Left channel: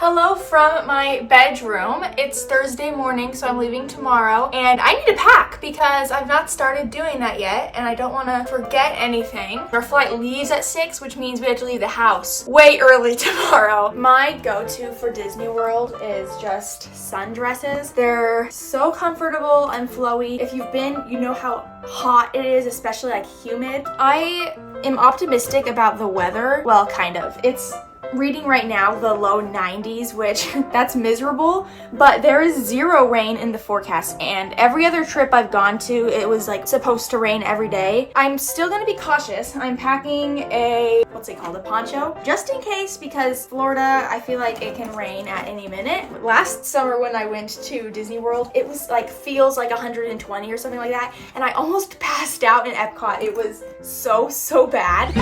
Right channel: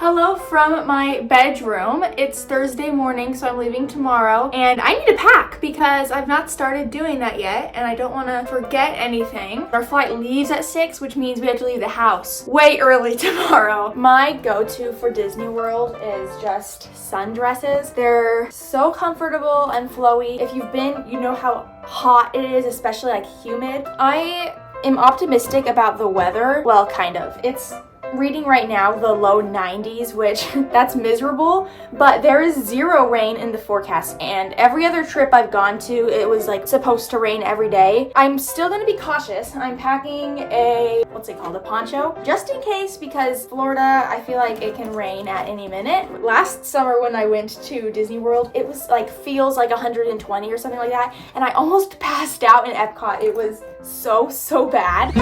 Hello from my bedroom. It's Thursday morning, so I'm leaving tomorrow, and I need to pack because I've not started doing that yet, and I don't want to forget anything. Our flight leaves at 6, which means we have to leave the house way early tomorrow. My go-to for Disney World is just sundresses. They're so comfortable and flowy. If you've been, you know how hot it is, especially like humid. I am optimistic about the weather. Well, kind of. It's reading right now the low 90s, which that's miserable, but there is 0 rain in the forecast, and every other trip I've gone to, it was like supposed to rain every day. I'm still gonna be cautious. I'm packing a, what's it called, a poncho, just in case, because Florida, I feel like it can rain at any minute. Last summer when I went to Disney World, it was like, feels like 120 or something like that, and I almost passed out in Epcot. It was so bad.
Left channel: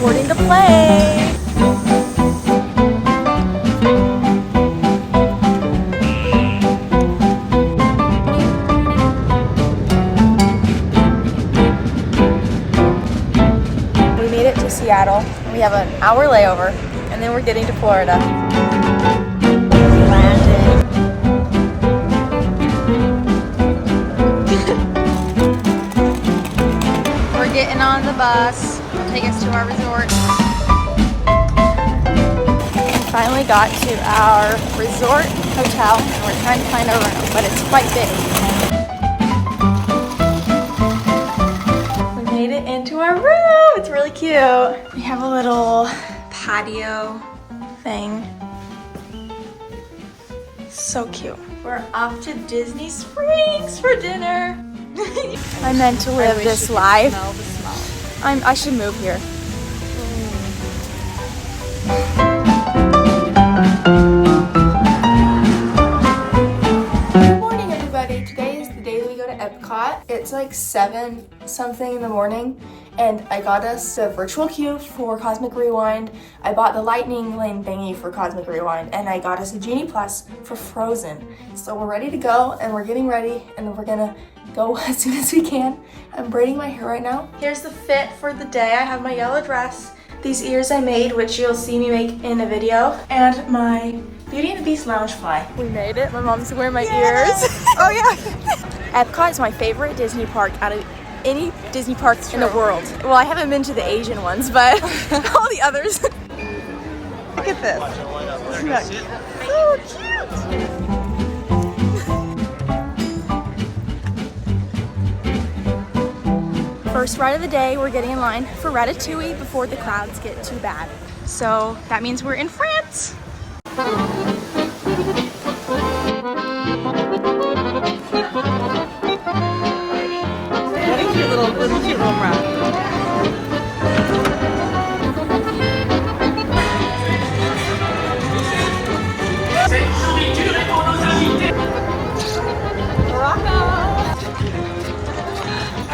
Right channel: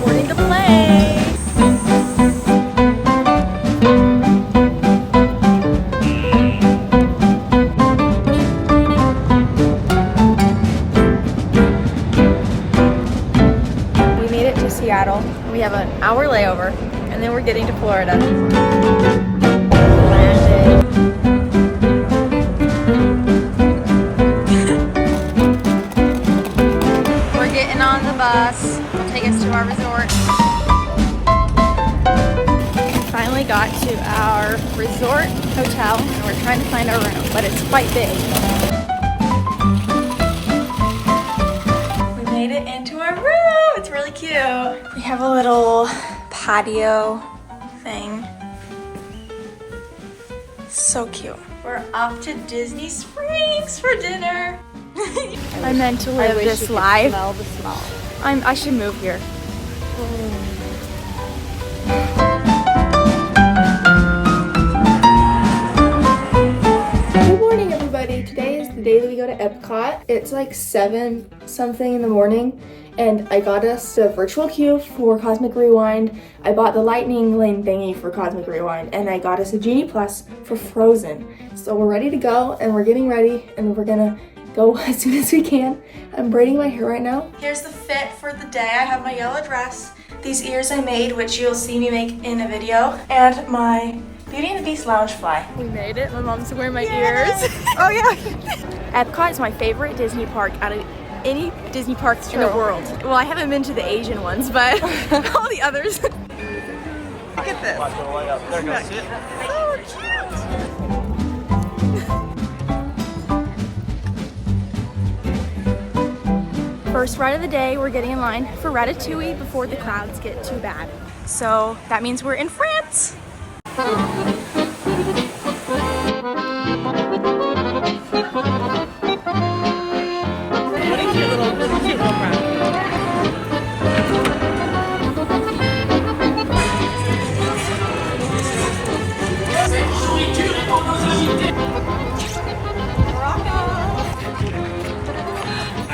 Boarding the plane. We made it to Seattle. We have an hour layover, and then we're getting to Florida. We landed. Getting on the bus. It'll take us to our resort. We finally got to our resort hotel, and we're trying to find our room, but it's quite big. We made it into our room. It's really cute. We have a little patio thing. So cute. We're off to Disney Springs for dinner. I meant to live this life. Smell the smell. I should move here. Good morning, everybody. Today is the day that we go to Epcot. It's like 7 something in the morning, and I got us a virtual queue for Cosmic Rewind. I bought the lightning lane thingy for Cosmic Rewind, and I got us a Genie Plus for Frozen. So we're ready to go, and we're getting ready, and we're gonna go as soon as we can. I'm braiding my hair right now. Here's the fit for the day. I have my yellow dress, these ears I made, which you'll see me make in a video, and my Beauty and the Beast Loungefly. We made it. My mom's wearing my ears. Oh yeah. Epcot is my favorite Disney park out of any Disney park in the world. Well, I haven't been to the Asian ones, but all the others. Look at this. So cute. First ride of the day, we're getting in line for Ratatouille before the crowds get too bad. So that means we're in France.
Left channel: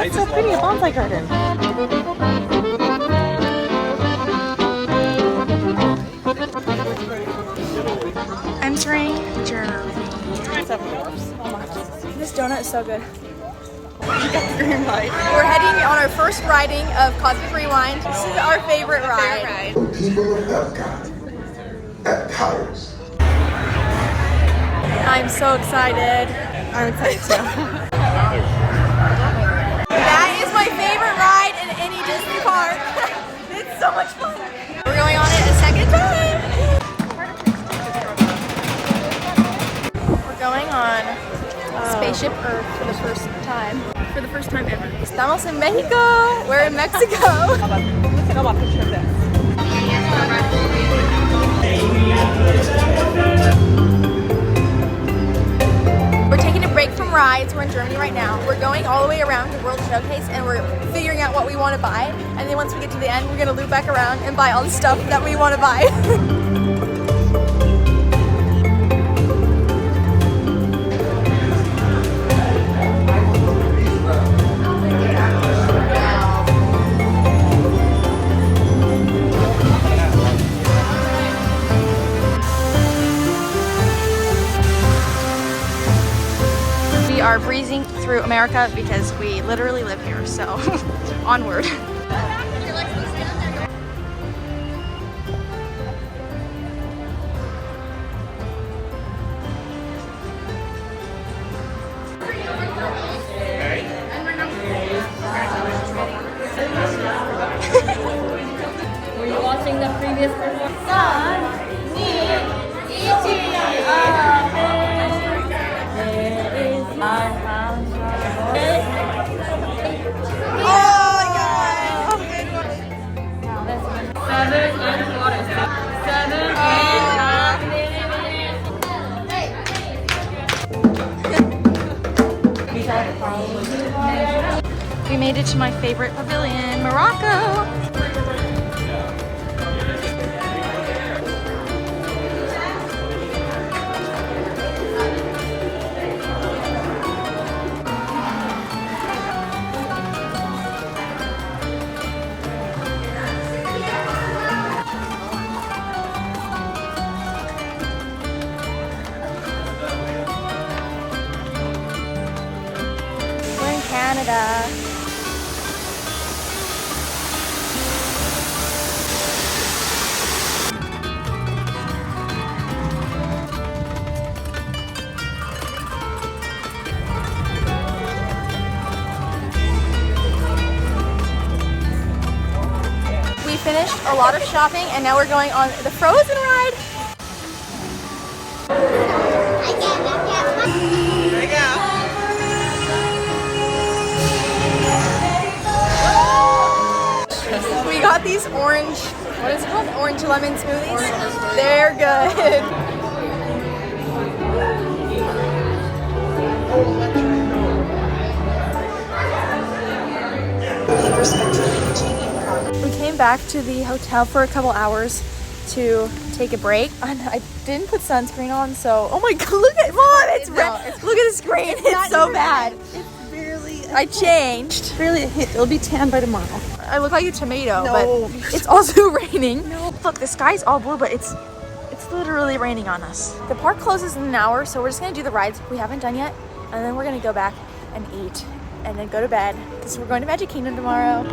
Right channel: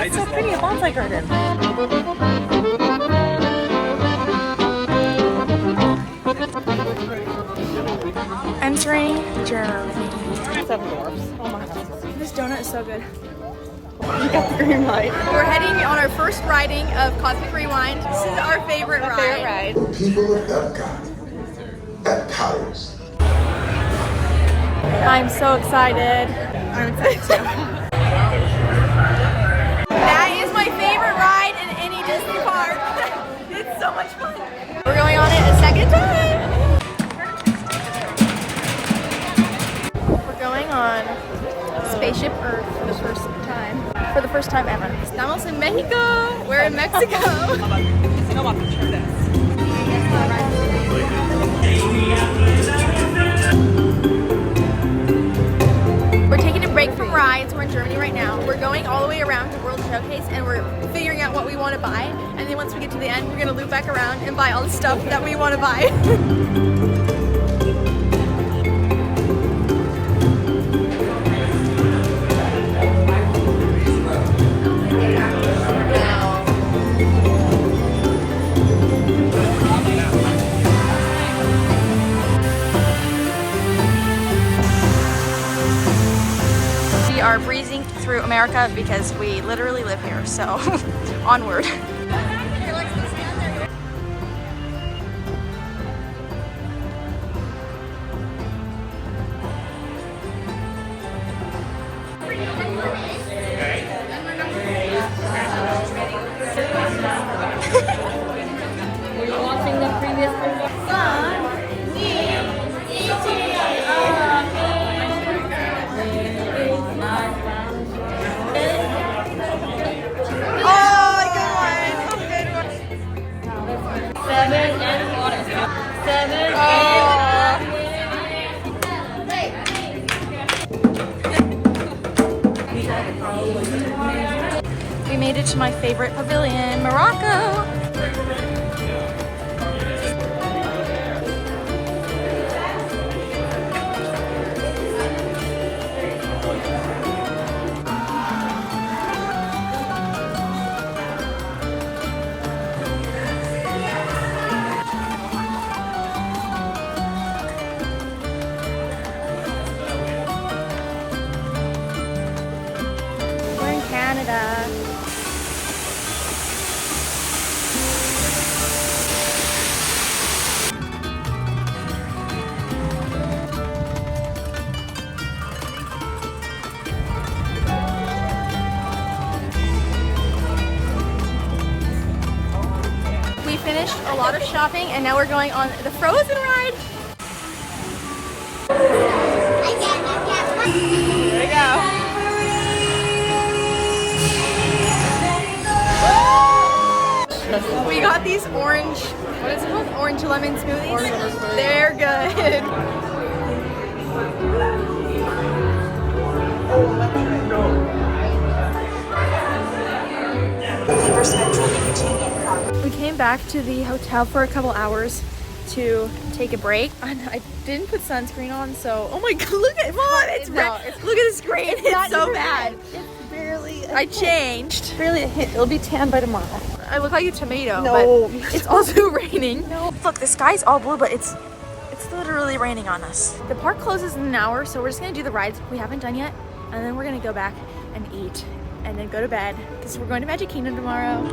It's so pretty, a bonsai garden. Entering Germany. 7 dwarfs. Oh my goodness. This donut is so good. Green light. We're heading on our first riding of Cosmic Rewind. This is our favorite ride. For people of Epcot, at Towers. I'm so excited. I'm excited too. That is my favorite ride in any Disney park. It's so much fun. We're going on it a second time. We're going on Spaceship Earth for the first time. For the first time ever. Estamos en Mexico. We're in Mexico. We're taking a break from rides. We're in Germany right now. We're going all the way around the World Showcase, and we're figuring out what we want to buy. And then once we get to the end, we're gonna loop back around and buy all the stuff that we want to buy. We are breezing through through America because we literally live here, so onward. Were you watching the previous performance? We made it to my favorite pavilion, Morocco. We're in Canada. We finished a lot of shopping and now we're going on the Frozen ride. We got these orange, what is it called? Orange lemon smoothies. They're good. We came back to the hotel for a couple hours to take a break, and I didn't put sunscreen on, so oh my god, look at Mom, it's red. Look at the screen, it's so bad. I changed. Really, it'll be tan by tomorrow. I look like a tomato, but it's also raining. Look, the sky's all blue, but it's literally raining on us. The park closes in an hour, so we're just gonna do the rides we haven't done yet, and then we're gonna go back and eat, and then go to bed, because we're going to Magic Kingdom tomorrow.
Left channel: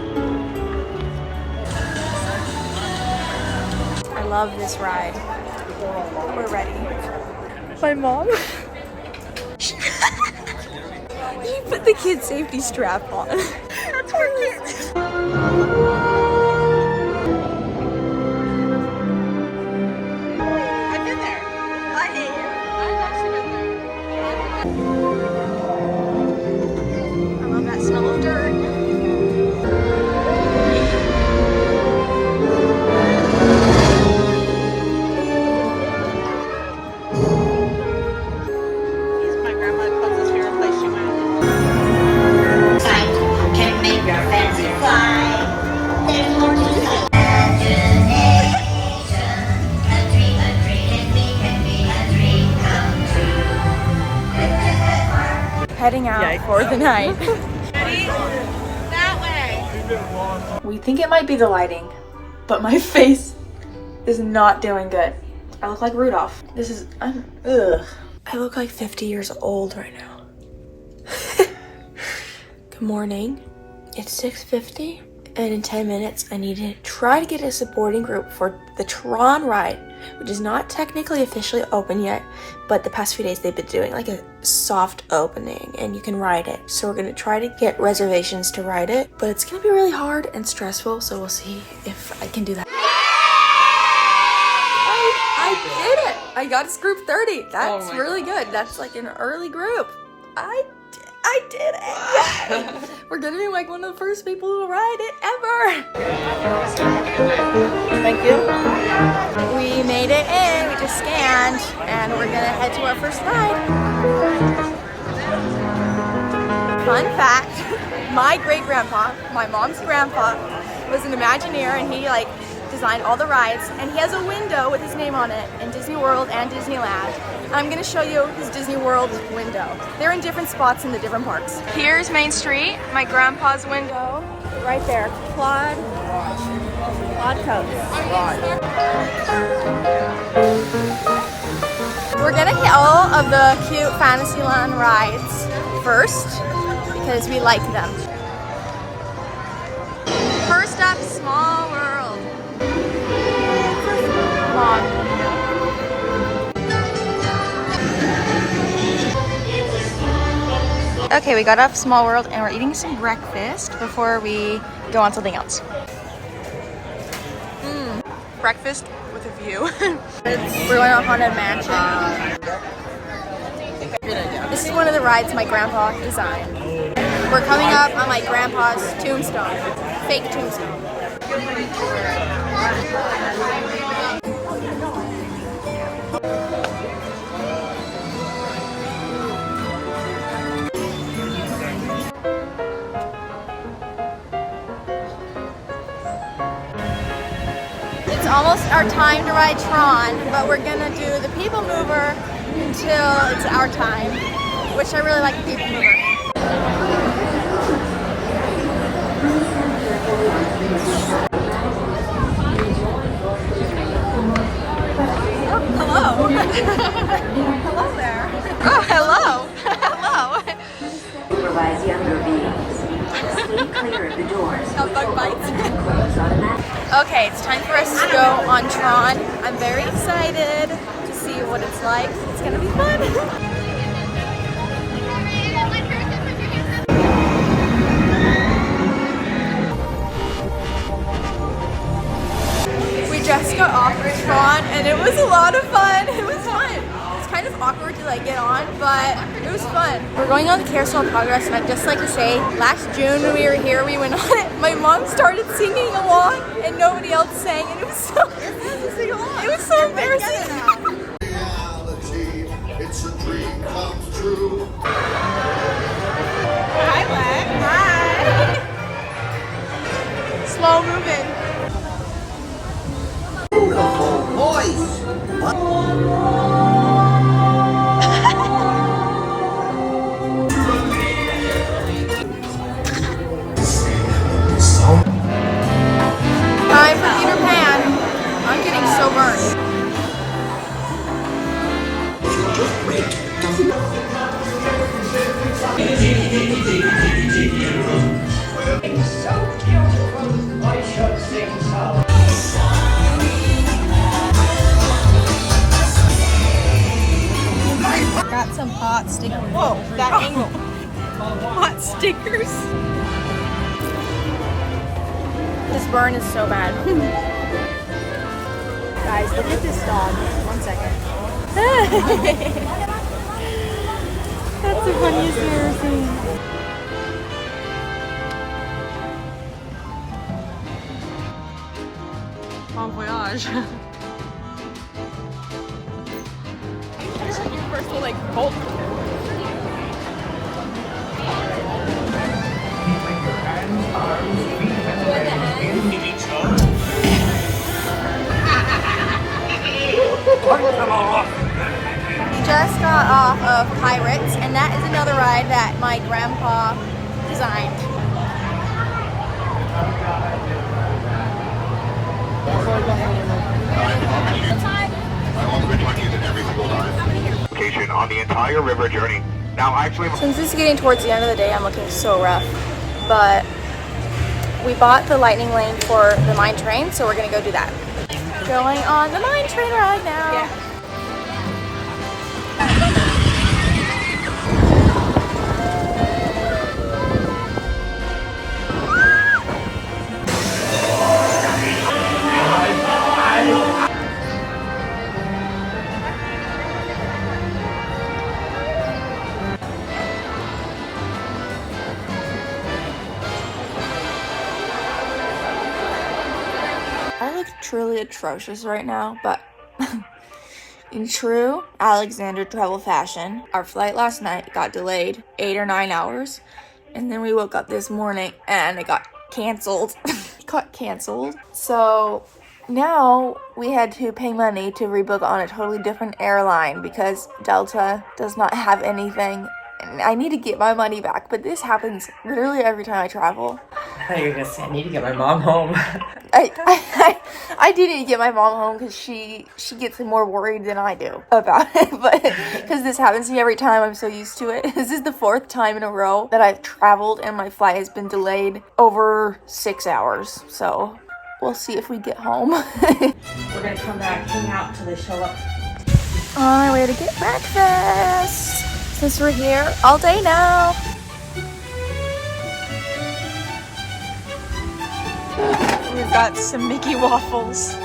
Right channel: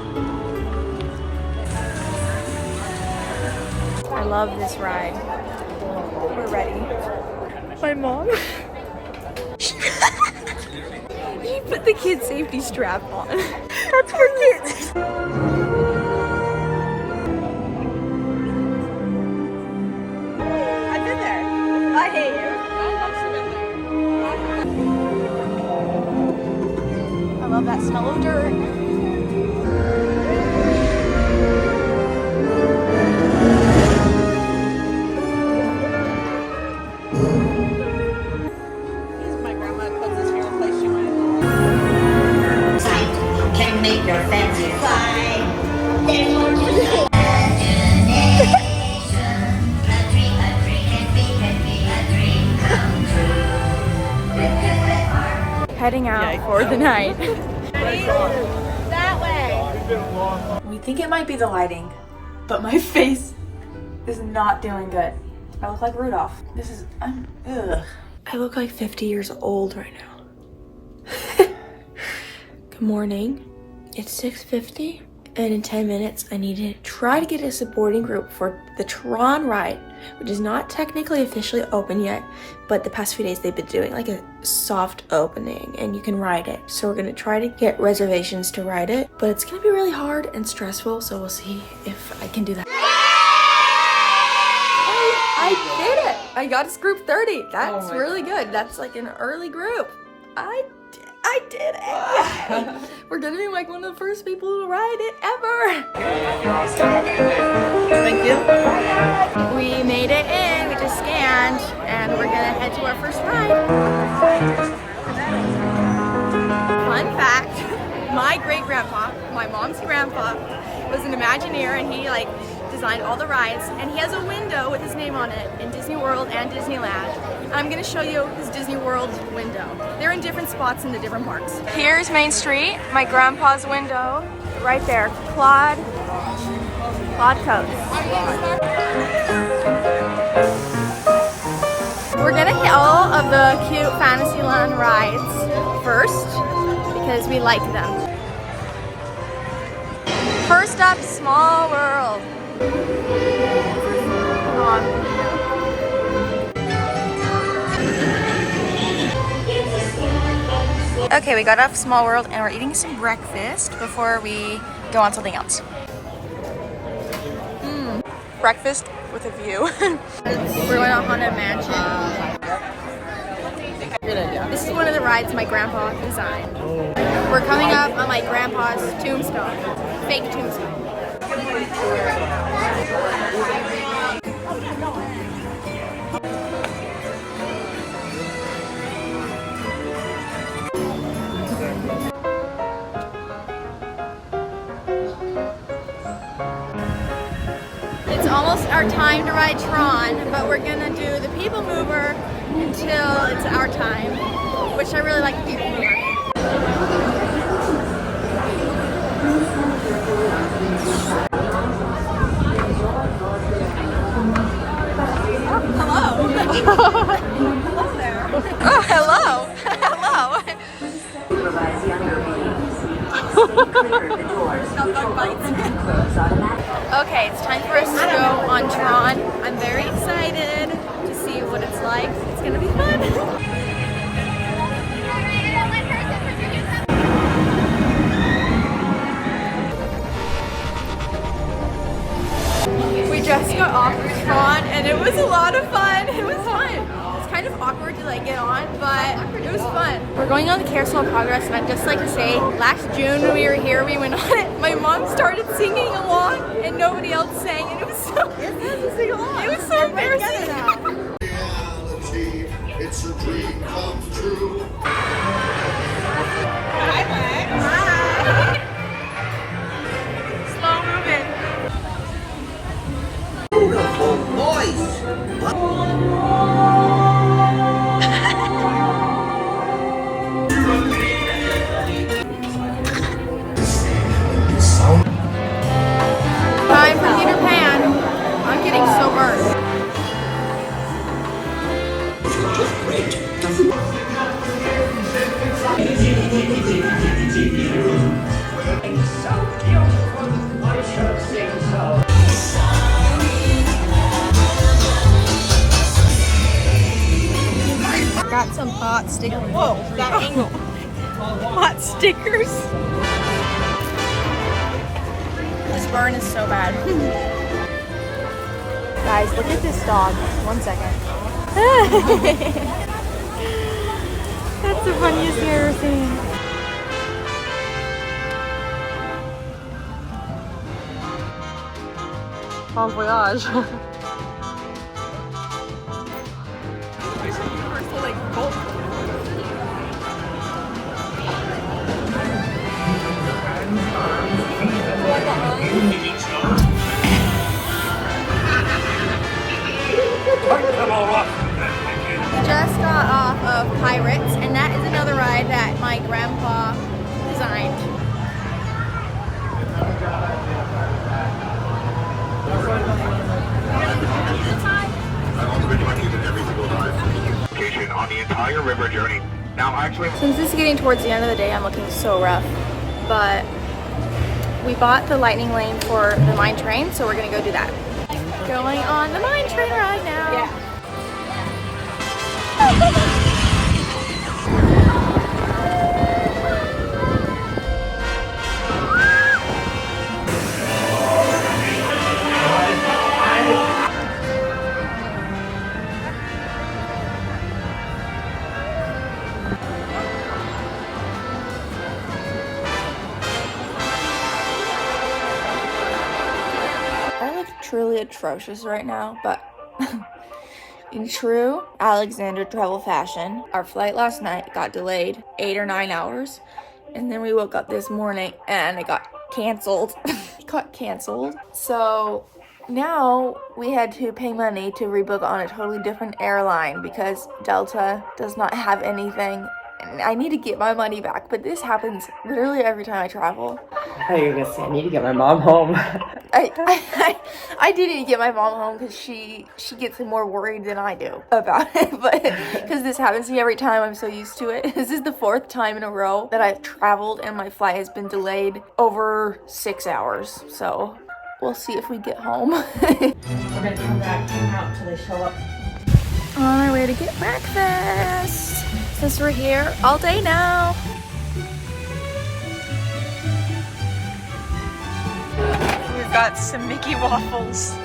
I love this ride. We're ready. My mom, she put the kid safety strap on. That's for kids. I've been there. I hate you. I love that smell of dirt. My grandma calls this favorite place she went. Can make your fancy fly. Heading out for the night. We think it might be the lighting, but my face is not doing good. I look like Rudolph. This is, ugh. I look like 50 years old right now. Good morning. It's 6:50, and in 10 minutes I need to try to get a supporting group for the Tron ride, which is not technically officially open yet, but the past few days they've been doing like a soft opening and you can ride it. So we're gonna try to get reservations to ride it, but it's gonna be really hard and stressful, so we'll see if I can do that. I did it! I got us group 30. That's really good. That's like an early group. I did it! Yay! We're gonna be like one of the first people to ride it ever! Thank you. We made it in, we just scanned, and we're gonna head to our first ride. Fun fact, my great-grandpa, my mom's grandpa, was an Imagineer, and he like designed all the rides, and he has a window with his name on it in Disney World and Disneyland. I'm gonna show you his Disney World window. They're in different spots in the different parks. Here's Main Street, my grandpa's window, right there. Claude Coats. We're gonna hit all of the cute Fantasyland rides first. because we like them. First up, Small World. Come on. Okay, we got off Small World and we're eating some breakfast before we go on something else. Breakfast with a view. We're going to Haunted Mansion. This is one of the rides my grandpa designed. We're coming up on my grandpa's tombstone, fake tombstone. It's almost our time to ride Tron, but we're gonna do the People Mover until it's our time, which I really like the People Mover. Oh, hello. Hello there. Oh, hello. Hello. Supervise younger beings. Stay clear of the doors. No bug bites. Okay, it's time for us to go on Tron. I'm very excited to see what it's like. It's gonna be fun. We just got off of Tron and it was a lot of fun. It was fun. It's kind of awkward to like get on, but it was fun. We're going on the Carousel of Progress, and I'd just like to say, last June when we were here, we went on it. My mom started singing along and nobody else sang, and it was so embarrassing. Reality, it's a dream come true. Hi, Lex. Hi. Slow moving. Beautiful voice. Time for Peter Pan. I'm getting so burned. Got some hot stickers. Whoa, that angle. Hot stickers. This burn is so bad. Guys, look at this dog. 1 second. That's the funniest thing I've ever seen. Bon voyage. Just got off of Pirates, and that is another ride that my grandpa designed. Location on the entire river journey. Now, actually, Since this is getting towards the end of the day, I'm looking so rough, but we bought the lightning lane for the mine train, so we're gonna go do that. Going on the mine train ride now. I look truly atrocious right now, but in true Alexandra travel fashion, our flight last night got delayed 8 or 9 hours, and then we woke up this morning and it got canceled. It got canceled. So now we had to pay money to rebook on a totally different airline because Delta does not have anything I need to get my money back, but this happens literally every time I travel. I thought you were gonna say I need to get my mom home. I do need to get my mom home because she gets more worried than I do about it, but because this happens to me every time, I'm so used to it. This is the 4th time in a row that I've traveled and my flight has been delayed over 6 hours, so we'll see if we get home. We're gonna come back, hang out till they show up. On our way to get breakfast since we're here all day now. We've got some Mickey waffles.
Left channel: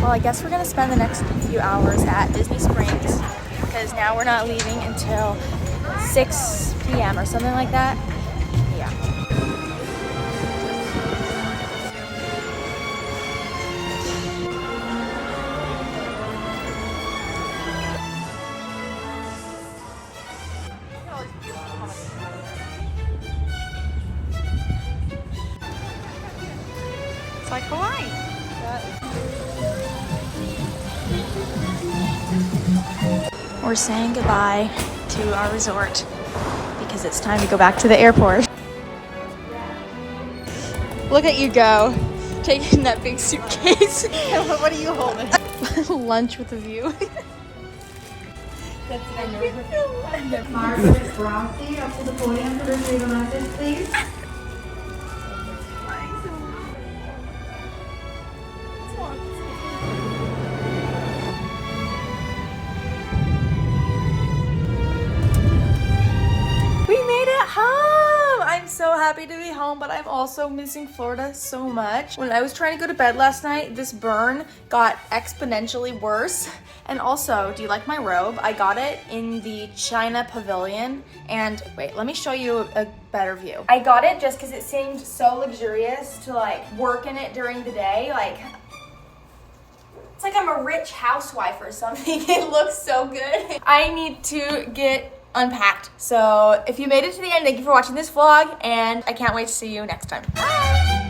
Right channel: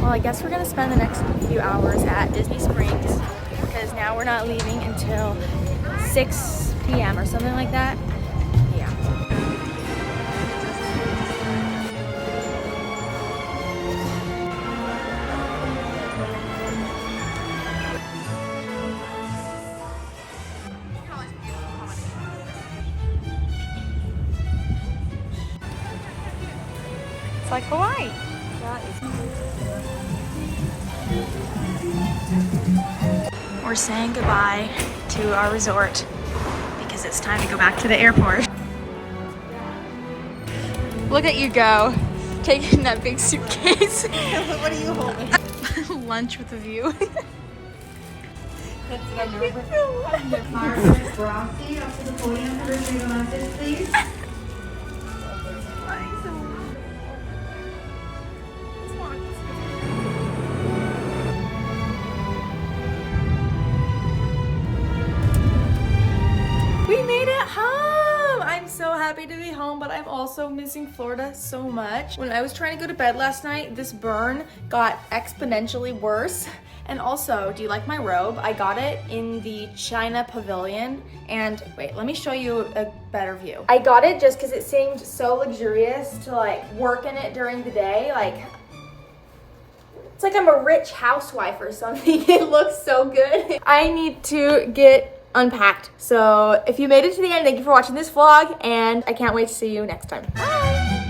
Well, I guess we're gonna spend the next few hours at Disney Springs because now we're not leaving until 6 p.m. or something like that. Yeah. It's like Hawaii. We're saying goodbye to our resort because it's time to go back to the airport. Look at you go, taking that big suitcase. What are you holding? Lunch with a view. Margaret Brosky up to the podium to retrieve a message, please. We made it home! I'm so happy to be home, but I'm also missing Florida so much. When I was trying to go to bed last night, this burn got exponentially worse. And also, do you like my robe? I got it in the China Pavilion. And wait, let me show you a better view. I got it just because it seemed so luxurious to like work in it during the day. Like, it's like I'm a rich housewife or something. It looks so good. I need to get unpacked. So if you made it to the end, thank you for watching this vlog, and I can't wait to see you next time. Bye!